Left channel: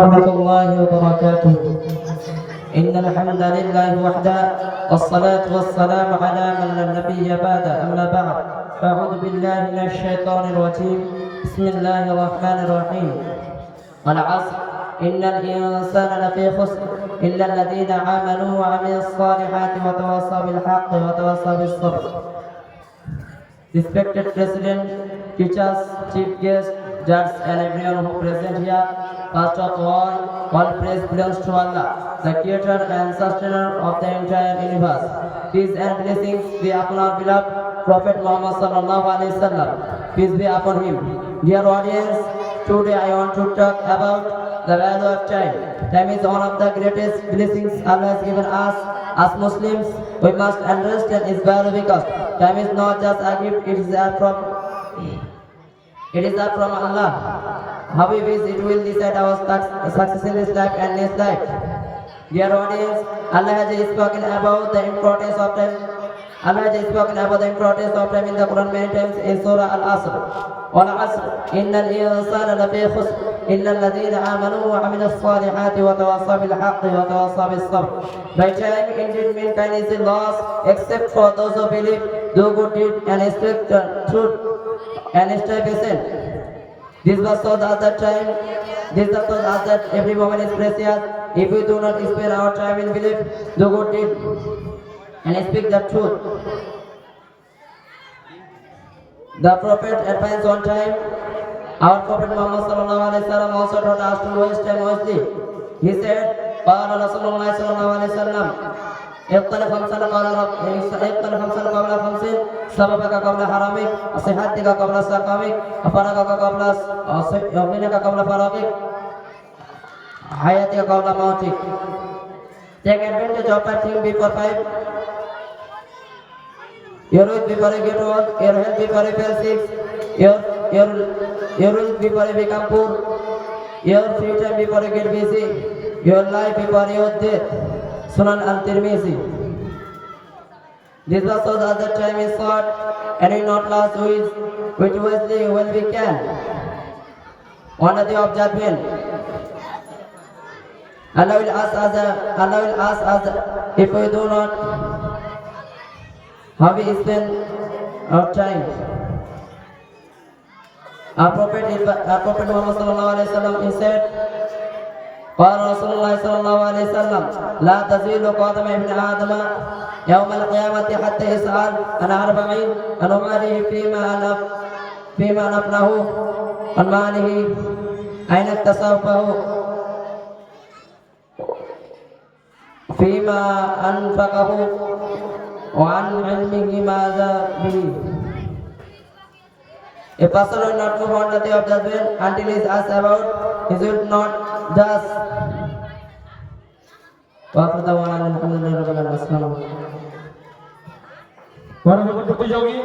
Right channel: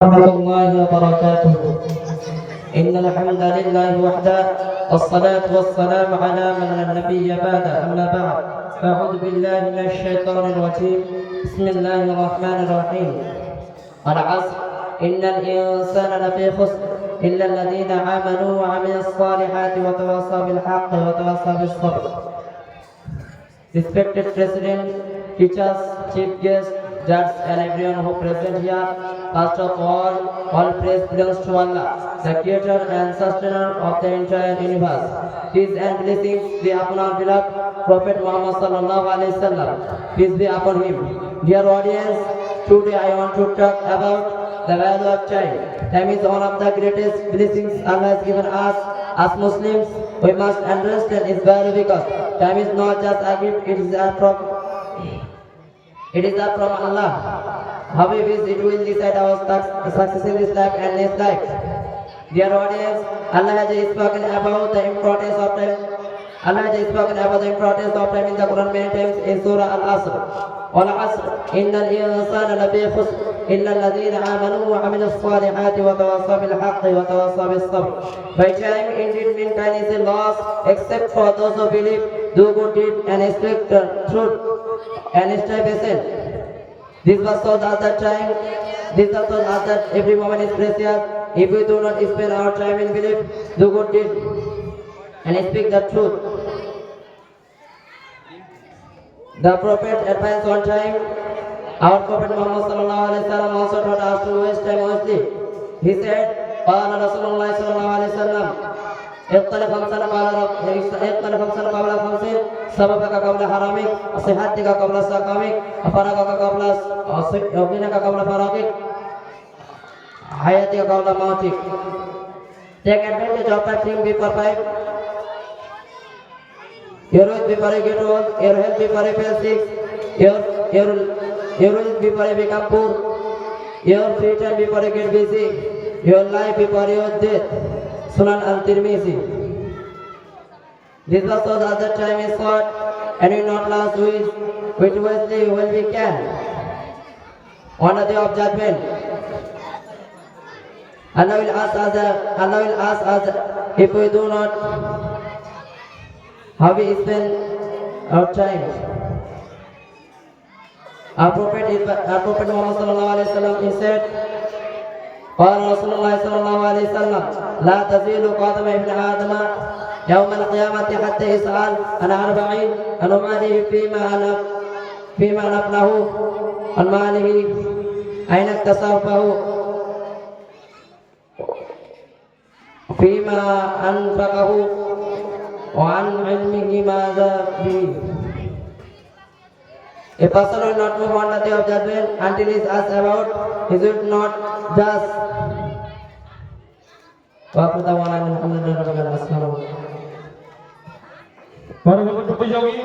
ورحمة الله وبركاته. إن الحمد لله وحده والصلاة والسلام على من لا نبي بعده. أما بعد أعوذ بالله من الشيطان الرجيم. بسم الله الرحمن الرحيم. والعصر إن الإنسان لفي خسر إلا الذين آمنوا وعملوا الصالحات وتواصوا بالحق وتواصوا بالصبر. Respected President, teachers, chief guests, judges and everyone who present here, first of all praise belongs to Allah, the creator and sustainer of the entire universe. Peace and blessings be upon our beloved Prophet Muhammad sallallahu alaihi wasallam. Peace be upon him. Dear audience, today I want to talk about the value of time. Time is one of the greatest blessings Allah has given us. As Muslims, we must understand its value because time is not just a gift, it is from Allah. How we wish it will decide our success in this life and next life. Dear audience, Allah has spoken about the importance of time. Allah has spoken about the importance of time in the Quran many times in Surah Al-Asr. Al-Asr, innal insana lafi khusr illa alladhina amanu wa amilus salihati wa tawassaw bil haqqi wa tawassaw bis sabr. By time indeed mankind is lost except for those who believe, do good deed and speak the truth and stay patient. This was so that every moment is precious. If we do not spend our time in belief, do good deed and speak the truth. The Prophet advanced on time. Our Prophet Muhammad sallallahu alaihi wasallam also taught us to waste time wisely. He said, "Qala Rasulullah sallallahu alaihi wasallam, اختلف خمسا قبل خمسين سببك قبل حرامك صحتك قبل سقامك فراغك قبل يومك قبل فراغك حياتك قبل موتك." Take advantage of 5 things before 5. Your youth before you get old, your health before you fall sick, your wealth before you become poor, your free time before you get busy, your life before your death. Sunan al-Tirmizi. This was so that the time is short and we not lost which wisely when we can. One of the observant. Allah will ask us if we do not, how we spend our time. Our Prophet Muhammad sallallahu alaihi wasallam said, قال رسول الله صلى الله عليه وسلم لا تزيل قدم ابن آدم يوم القيامة حتى يسأل عن 40 عن ماله فيما نفله عن ماله أين اكتسبه فيما أنفقه وعن علمه ماذا به. A person will not move on the day of judgment until he is asked about his will not thus. পরবর্তী প্রতিযোগী